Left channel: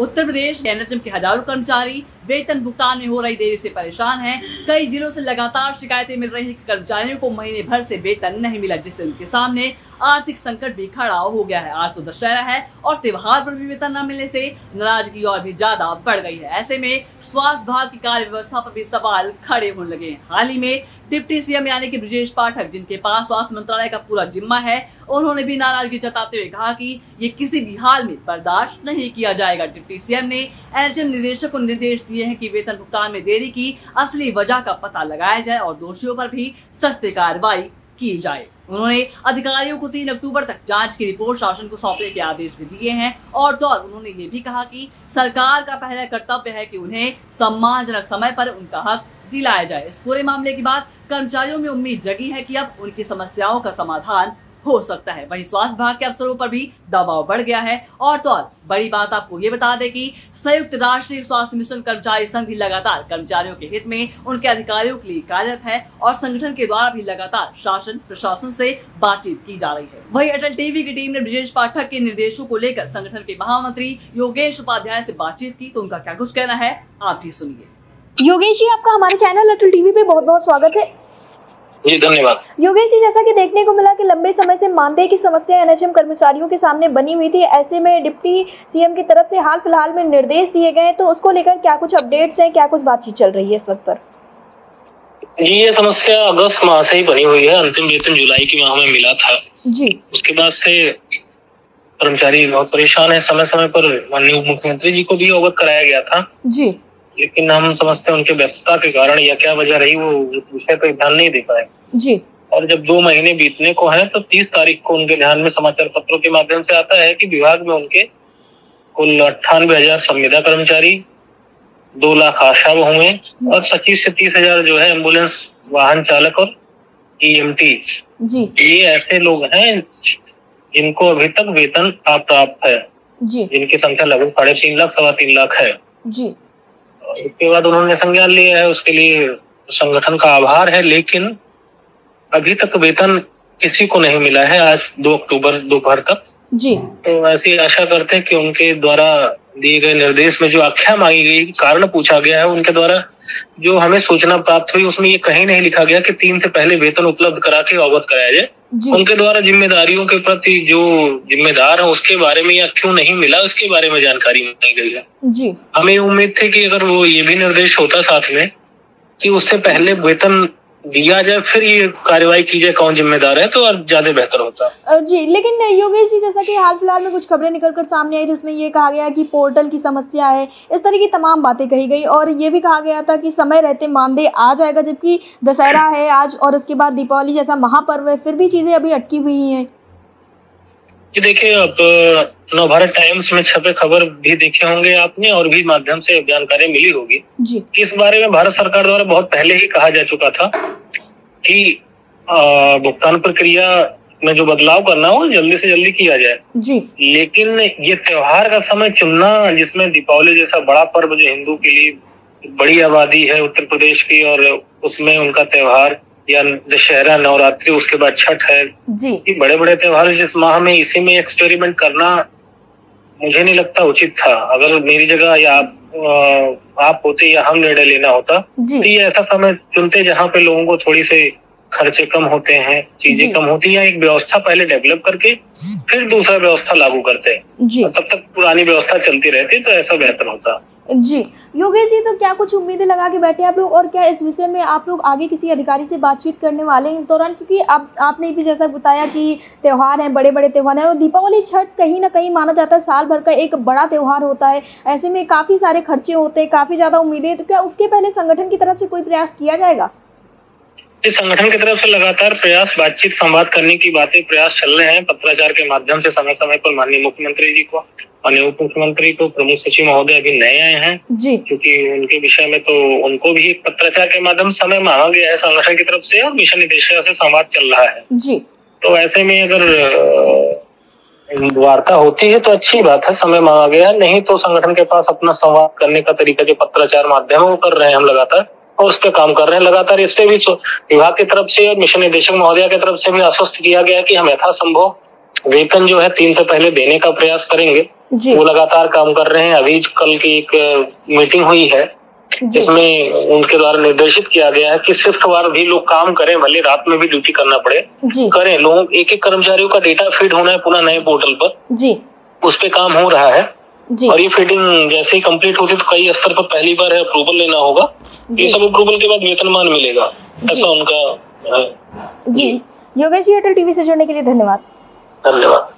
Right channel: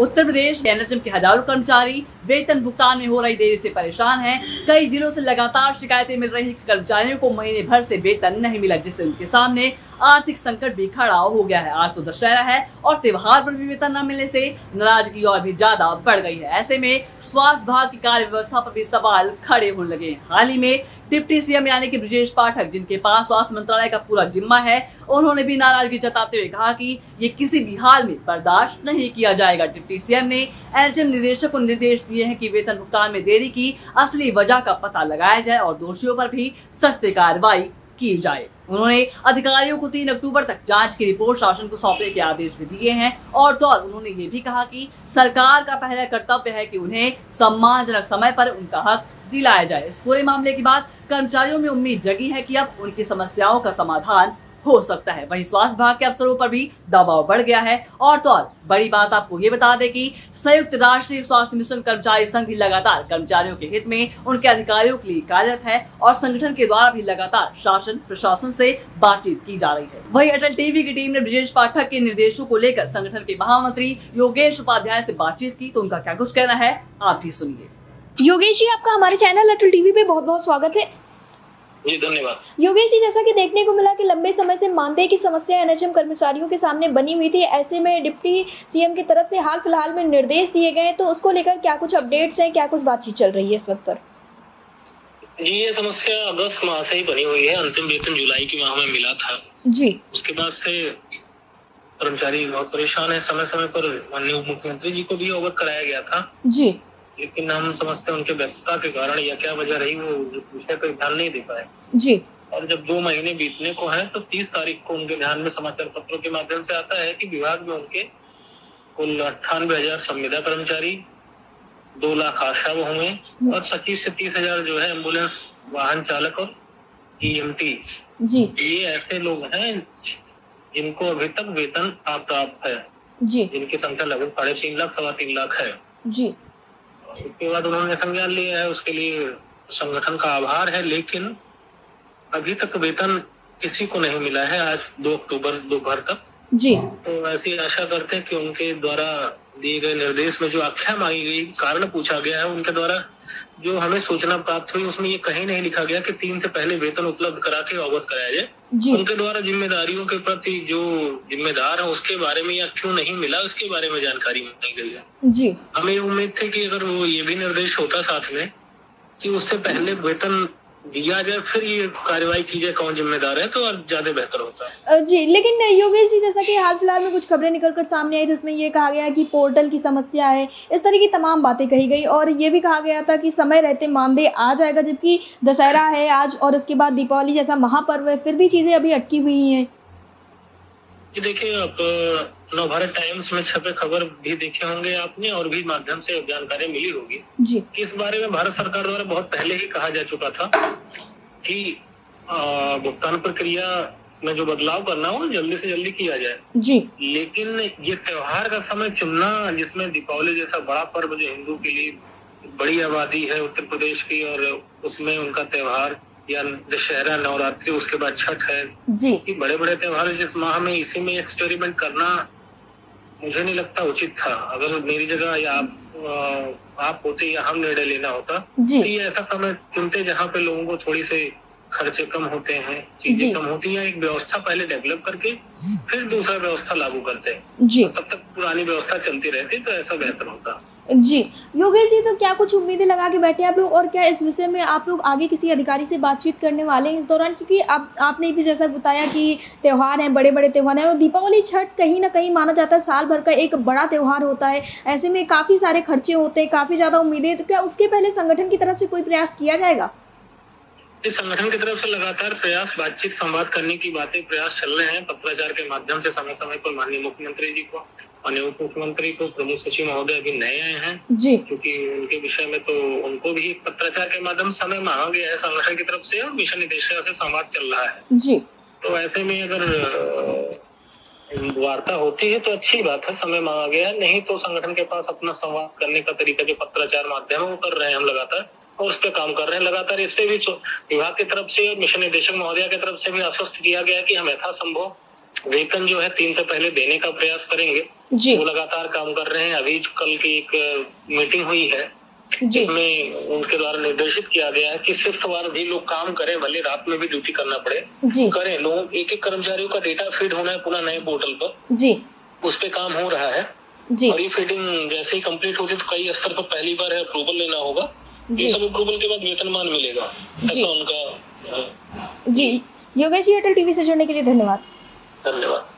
Uttar Pradesh NHM के हजारों कर्मचारी वेतन भुगतान में हो रही देरी से परेशान हैं। कई दिनों से लगातार शिकायतें मिल रही हैं कि कर्मचारियों को महीने भर से वेतन नहीं मिला, जिससे उनके सामने आर्थिक संकट भी खड़ा हो गया है। आज तो दशहरा है और त्योहार पर भी वेतन न मिलने से नाराजगी और भी ज्यादा बढ़ गई है। ऐसे में स्वास्थ्य विभाग की कार्य व्यवस्था पर भी सवाल खड़े होने लगे हैं। हाल ही में डिप्टी सीएम यानी कि ब्रजेश पाठक, जिनके पास स्वास्थ्य मंत्रालय का पूरा जिम्मा है, उन्होंने भी नाराजगी जताते हुए कहा कि ये किसी भी हाल में बर्दाश्त नहीं किया जाएगा। डिप्टी सीएम ने एनएचएम निदेशक को निर्देश दिए हैं कि वेतन भुगतान में देरी की असली वजह का पता लगाया जाए और दोषियों पर भी सख्त कार्रवाई की जाए। उन्होंने अधिकारियों को 3 अक्टूबर तक जांच की रिपोर्ट शासन को सौंपने के आदेश भी दिए हैं और तो उन्होंने ये भी कहा कि सरकार का पहला कर्तव्य है कि उन्हें सम्मानजनक समय पर उनका हक दिलाया जाए। इस पूरे मामले के बाद कर्मचारियों में उम्मीद जगी है कि अब उनकी समस्याओं का समाधान हो सकता है। वहीं स्वास्थ्य विभाग के अफसरों पर भी दबाव बढ़ गया है और तो बड़ी बात आपको ये बता दें कि संयुक्त राष्ट्रीय स्वास्थ्य मिशन कर्मचारी संघ भी लगातार कर्मचारियों के हित में उनके अधिकारियों के लिए कार्यरत है और संगठन के द्वारा भी लगातार शासन प्रशासन से बातचीत की जा रही है। वहीं अटल टीवी की टीम ने ब्रजेश पाठक के निर्देशों को लेकर संगठन के महामंत्री योगेश उपाध्याय से बातचीत की, तो उनका क्या कुछ कहना है आप भी सुनिए। योगेश जी, आपका हमारे चैनल अटल टीवी पे बहुत बहुत स्वागत है। जी धन्यवाद। योगेश जी, जैसा कि देखने को मिला कि लंबे समय से मानदेय की समस्या एनएचएम कर्मचारियों के सामने बनी हुई थी, ऐसे में डिप्टी सीएम की तरफ से हाल फिलहाल में निर्देश दिए गए, तो उसको लेकर क्या कुछ अपडेट्स हैं, क्या कुछ बातचीत चल रही है इस वक्त पर? जी, ये समस्या अगस्त माह से ही बनी हुई है। अंतिम वेतन जुलाई के माह में मिला था जी। उसके बाद से कर्मचारी बहुत परेशान है। समय समय पर माननीय उप मुख्यमंत्री जी को भी अवगत कराया गया था जी, लेकिन हम समझते हैं उनके व्यस्तता के कारण या क्या वजह रही, वो विषय पर ध्यान नहीं दे पाए जी। और जब 2 महीने बीतने को है तो 30 तारीख को उनके ध्यान में समाचार पत्रों के माध्यम से आता है कि विभाग में उनके कुल 98,000 संविदा कर्मचारी, 2 लाख आशा बहुएं और 25 से 30 हजार जो है एम्बुलेंस वाहन चालक और ईएमटी जी। ये ऐसे लोग हैं जिनको अभी तक वेतन अप्राप्त है जी। जिनकी संख्या लगभग 3.5 लाख 3.25 लाख है जी। उसके बाद उन्होंने संज्ञान लिया है। उसके लिए संगठन का आभार है, लेकिन अभी तक वेतन किसी को नहीं मिला है। आज 2 अक्टूबर दोपहर तक जी। तो ऐसी आशा करते हैं कि उनके द्वारा दिए गए निर्देश में जो आख्या मांगी गई, कारण पूछा गया है, उनके द्वारा जो हमें सूचना प्राप्त हुई उसमें ये कहीं नहीं लिखा गया कि 3 से पहले वेतन उपलब्ध करा के अवगत कराया जाए। उनके द्वारा जिम्मेदारियों के प्रति जो जिम्मेदार है उसके बारे में या क्यों नहीं मिला उसके बारे में जानकारी नहीं गई है जी। हमें उम्मीद थी कि अगर वो ये भी निर्देश होता साथ में कि उससे पहले वेतन दिया जाए फिर ये कार्रवाई की जाए कौन जिम्मेदार है, तो और ज्यादा बेहतर होता जी। लेकिन योगेश जी, जैसा कि हाल फिलहाल में कुछ खबरें निकलकर सामने आई, जिसमें ये कहा गया कि पोर्टल की समस्या है, इस तरह की तमाम बातें कही गई और ये भी कहा गया था कि समय रहते मानदेय आ जाएगा, जबकि दशहरा है आज और उसके बाद दीपावली जैसा महापर्व है, फिर भी चीजें अभी अटकी हुई हैं। जी देखिए, अब नवभारत टाइम्स में छपे खबर भी देखे होंगे आपने और भी माध्यम से जानकारी मिली होगी जी। इस बारे में भारत सरकार द्वारा बहुत पहले ही कहा जा चुका था कि भुगतान प्रक्रिया में जो बदलाव करना हो जल्दी से जल्दी किया जाए जी। लेकिन ये त्योहार का समय चुनना जिसमें दीपावली जैसा बड़ा पर्व जो हिंदू के लिए बड़ी आबादी है उत्तर प्रदेश की और उसमें उनका त्योहार या दशहरा, नवरात्रि, उसके बाद छठ है जी। बड़े बड़े त्योहार जिस माह में इसी में एक्सपेरिमेंट करना मुझे नहीं लगता उचित था। अगर मेरी जगह या आप होते या हम निर्णय लेना होता तो ये ऐसा समय चुनते जहाँ पे लोगों को थोड़ी से खर्चे कम होते हैं, चीजें कम होती हैं, एक व्यवस्था पहले डेवलप करके फिर दूसरा व्यवस्था लागू करते हैं, तब तक पुरानी व्यवस्था चलती रहती तो ऐसा बेहतर होता। जी। योगेश जी, तो क्या कुछ उम्मीदें लगा के बैठे आप लोग और क्या इस विषय में आप लोग आगे किसी अधिकारी से बातचीत करने वाले हैं इस दौरान? क्योंकि आपने भी जैसा बताया कि त्योहार हैं, बड़े बड़े त्योहार हैं और दीपावली, छठ कहीं ना कहीं माना जाता है साल भर का एक बड़ा त्योहार होता है, ऐसे में काफी सारे खर्चे होते हैं, काफी ज्यादा उम्मीदें, तो क्या उसके पहले संगठन की तरफ से कोई प्रयास किया जाएगा? इस संगठन की तरफ से लगातार प्रयास, बातचीत, संवाद करने की प्रयास चल रहे हैं। पत्राचार के माध्यम से समय समय पर माननीय मुख्यमंत्री जी को, माननीय उप मुख्यमंत्री को, प्रमुख सचिव महोदय अभी नए आए हैं जी, क्योंकि उनके विषय में तो उनको भी एक पत्राचार के माध्यम से समय मांगा गया है संगठन की तरफ से और मिशन निदेशक से संवाद चल रहा है जी। तो ऐसे में अगर वार्ता होती है तो अच्छी बात है, समय मांगा गया है, नहीं तो संगठन के पास अपना संवाद करने का तरीका जो पत्राचार माध्यम है वो कर रहे हैं हम लगातार और उस पर काम कर रहे हैं लगातार। इस पे भी विभाग की तरफ से और मिशन निदेशक महोदय की तरफ से भी आश्वस्त किया गया है कि हम यथासंभव वेतन जो है 3 से पहले देने का प्रयास करेंगे। वो लगातार काम कर रहे हैं। अभी कल की एक मीटिंग हुई है जिसमें उनके द्वारा निर्देशित किया गया है कि शिफ्ट वार भी लोग काम करें, भले रात में भी ड्यूटी करना पड़े करें। लोगों एक कर्मचारियों का डेटा फीड होना है पुनः नए पोर्टल पर, उस पे काम हो रहा है। और ये फीडिंग जैसे ही कंप्लीट होती तो कई स्तर पर पहली बार है अप्रूवल लेना होगा। ये सब अप्रूवल के बाद वेतनमान मिलेगा, ऐसा उनका है। जी योगेश जी, एयरटेल टीवी से जुड़ने के लिए धन्यवाद। धन्यवाद।